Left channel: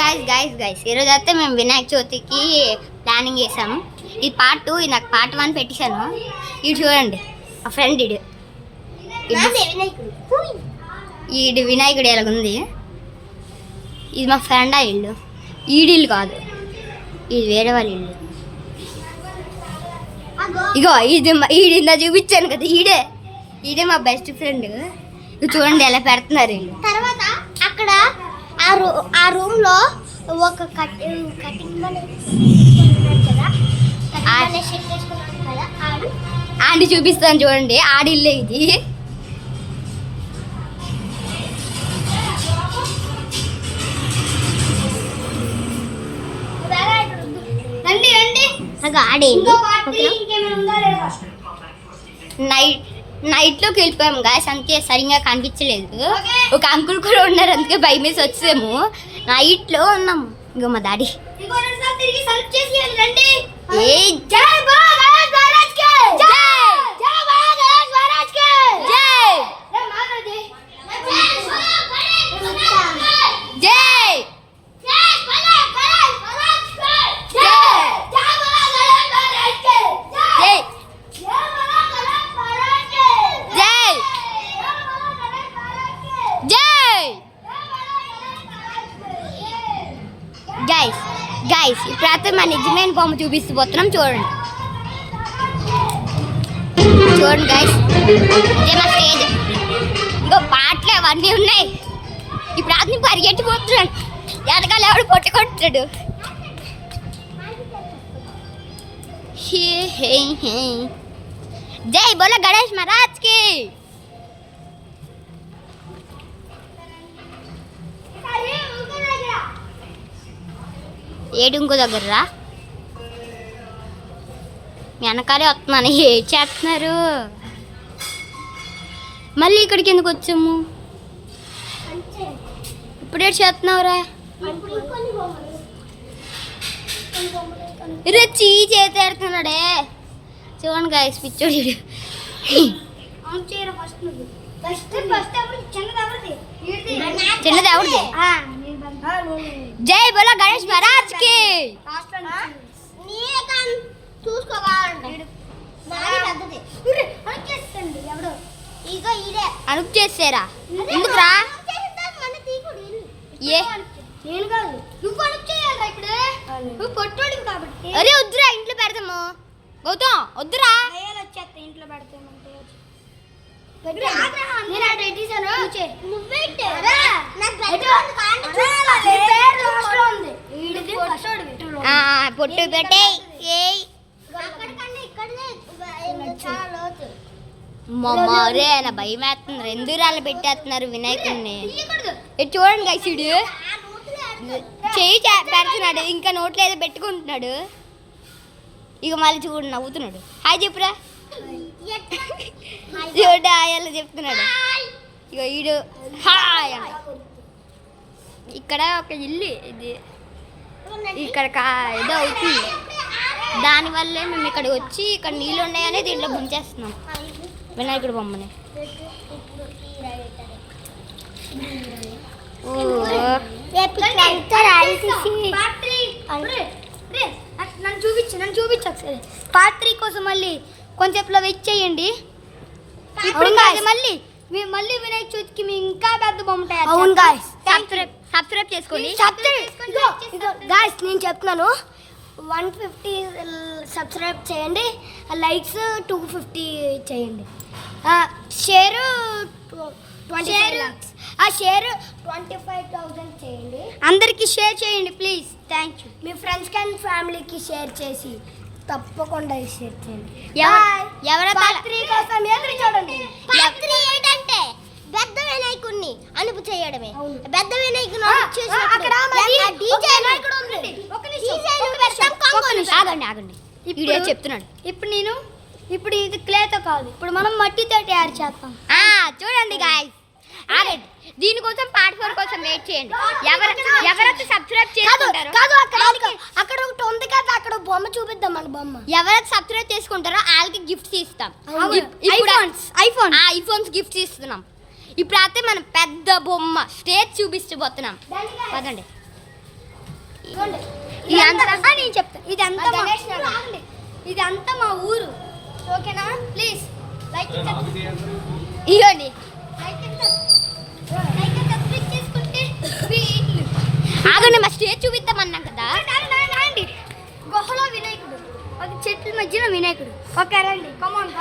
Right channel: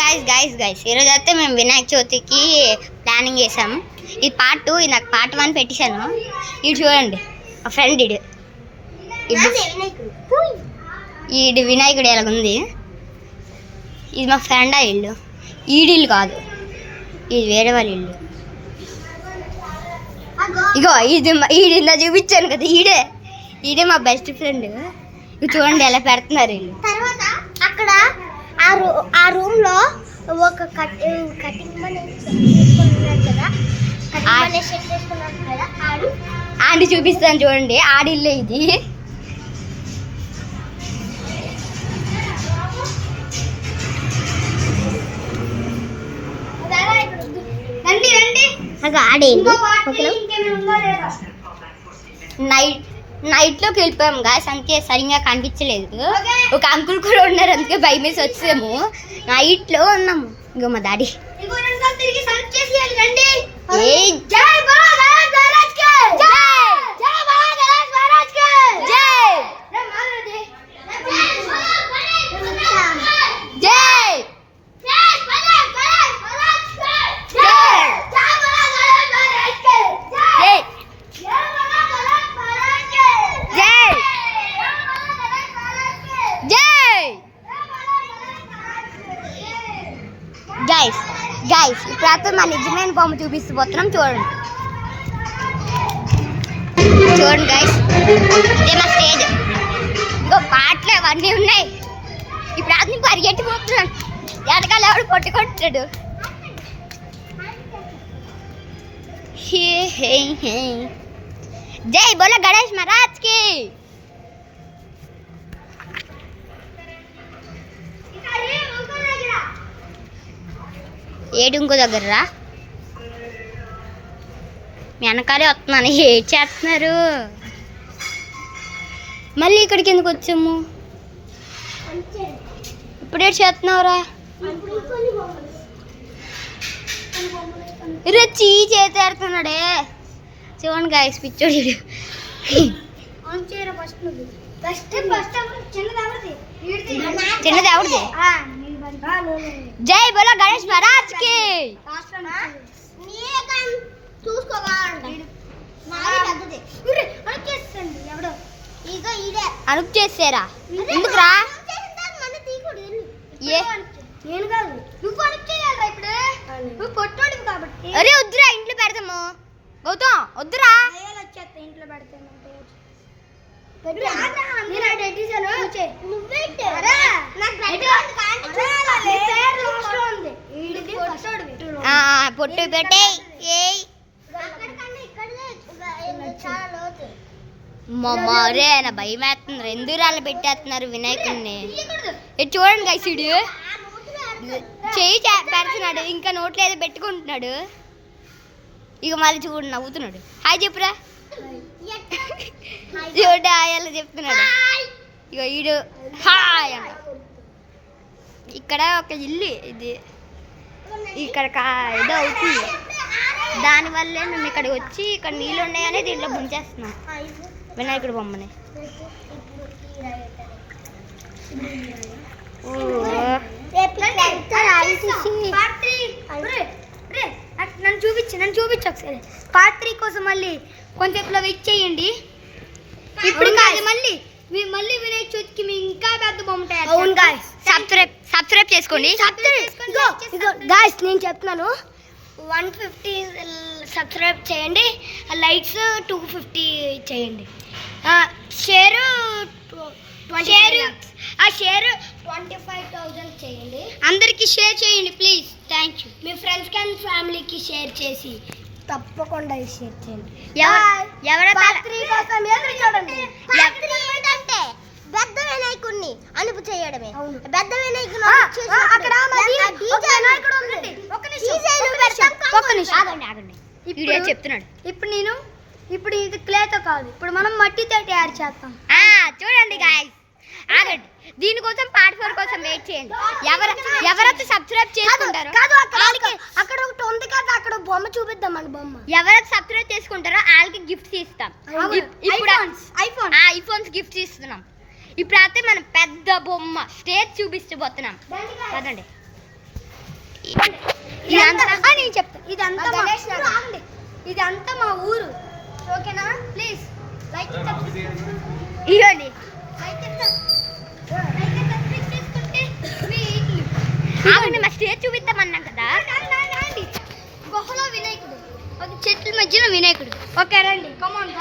Guys ఈరోజు అయితే మేము వినాయక చవితికి ప్లానింగ్ చేసాం. ఇది పార్ట్ 2, ఇది నాకు పార్ట్ 1 పెట్టేశాను. ఇది చూడండి మా ఫ్రెండ్ ఈడు వినాయకుడు ఎలాగుంది. ఇది మా ఫ్రెండ్ ఆ ఇల్లు, ఈడిల్లు కాదు, ఇది వేరే వాళ్ళ ఇల్లు. ఇగో ఈడిందా చూపించాను కదా, ఈడే మా బెస్ట్ ఫ్రెండ్. ఇది చూడండి ఎలా పెడుతున్నారు వీళ్ళు. తర్వాత అక్కడ ఆ రూమ్ లో ఒక కటింగ్ ఆంటీ చూపిస్తాను చూడండి, ఆడిల్లే ఇది. నైట్లోకి వెళ్ళిపోయాము గాయస్, అందుకే సరిగ్గా కనిపించలేదు. ఒక అంకుల్ కూడా ఉన్నారు, అందుకే భయం వేసి వచ్చాము. నైట్లో ఉన్నాము. ఇంకో మా డాడీ గైస్ ఇప్పుడైతే మా నిజమైన బొమ్మ చూపిస్తూ పోతున్నాం. చూడండి గైస్, ఇదే మా స్టేజ్. ఇంకో పాటలు అవన్నీ ఉన్నాయి. ఇప్పుడు అతని పరిగెట్టిపోతున్నాం, ఎదగాలి ఎవడు కొట్టుకుంటాడు. జై బోలో గణేష్ మహారాజ్ కి. ఏడు ఇంకో దగ్గర మీ వెనకాలే వస్తున్నాను. ఏం చేస్తున్నారు? మళ్ళీ ఇక్కడికి ఎందుకు వచ్చాము? ఇప్పుడే చేస్తున్నావురా? చీ చేతేడుతున్నాడే. చూడండి గాయస్, పిచ్చోడు. చిన్నది ఎవరిది? జై బోలో గణేష్ మహారాజ్ కి. అనుకు చేసారా? ఎందుకురా? అరే వద్దురా, ఇంట్లో పెడతాము. గౌతమ్ వద్దురా, ఇంట్లో పెడతామంటే. పొట్టు పెట్టే మరే నా భయం వేస్తున్నారు. ఎందుకు రాళ్ళు పెట్టేస్తున్నారు వినాయకుడిని? చూడండి గైసుడు చెయ్యి పెడుతున్నాడు, ఇంకా నోట్లో ఏదో పెట్టుకుంటున్నాడు. ఇక మళ్ళీ చూడు నవ్వుతున్నాడు. హాయ్ చెప్పురా. చూడ అలా చెప్తున్నాడు. ఇక ఈడు హాయ్ అంట. ఇక్కడ ఒక ఇల్లు, ఇది ఇక్కడ ఏదో అవుతుంది. దానివల్లే మేము ఇక్కడికి వచ్చి ఇక్కడ నీళ్ళు ఉన్నాయని దీంట్లో ముంచేస్తున్నాం వినాయకుడి బొమ్మని. నన్ను చూపించు ఒకసారి. పార్ట్ 3 కోసం మళ్ళీ కొంచెంలో వెయిట్ చేయండి. ఇప్పుడు మళ్ళీ వినాయక చవితికి మీ ఇంకా పెద్ద బొమ్మ. సబ్స్క్రైబ్ చేసుకోండి గాయ్స్. నేను చెప్తున్నాను, 150 సబ్స్క్రైబ్ చేయండి, లైక్స్ 250 చేయండి, షేర్ 25,000 చేయండి. అందరికి షేర్ చేయండి ప్లీజ్. Thank you. మీ ఫ్రెండ్స్కి అండ్ ఫ్యామిలీకి షేర్ చేసి తప్పకుండా షేర్ చేయండి. చూడండి, పెద్ద వినాయకుడిని అనుపు చేయడమే. పెద్ద వినాయకుడు చెప్తున్నాడు. ఇప్పుడు ఇది క్లేతో కాదు, ఇప్పుడు మనం మట్టితో తయారు చేస్తాం. చూడండి గాయ్స్, ఆగండి. దీనికోసం పార్ట్ 4 కోసం వెయిట్ చేయండి. ఎవరైతే సబ్స్క్రైబ్ చేసుకుంటారో, అక్కడ ఒకటి ఉంది కదా, అక్కడ బొమ్మ చూపిద్దాం. మన బొమ్మ ఎవరైతే సబ్స్క్రైబ్ చేసుకుంటారో వాళ్ళకి గిఫ్ట్స్ ఇస్తాం. ఐఫోన్స్ గిఫ్ట్స్ ఇస్తున్నాం. ఇప్పుడు అయితే మనం పెద్ద బొమ్మ స్టేజ్ చూపిస్తూ పోతున్నాం. పదండి. ఇదంతా నేను చెప్తాను ఇదంతా మా గణేష్ ఊరు. నగర్. ఆగండి. ఇదంతా మా ఊరు ఓకేనా ప్లీజ్ లైక్ ఇవ్వండి చేసుకుంటే మీ ఇల్లు. ఆగండి మా స్టేజ్ చూపిద్దామన్నాం కదా. గుహలో వినాయకుడు ఒక చెట్ల మధ్యలో వినాయకుడు ఓకే రండి కమాన్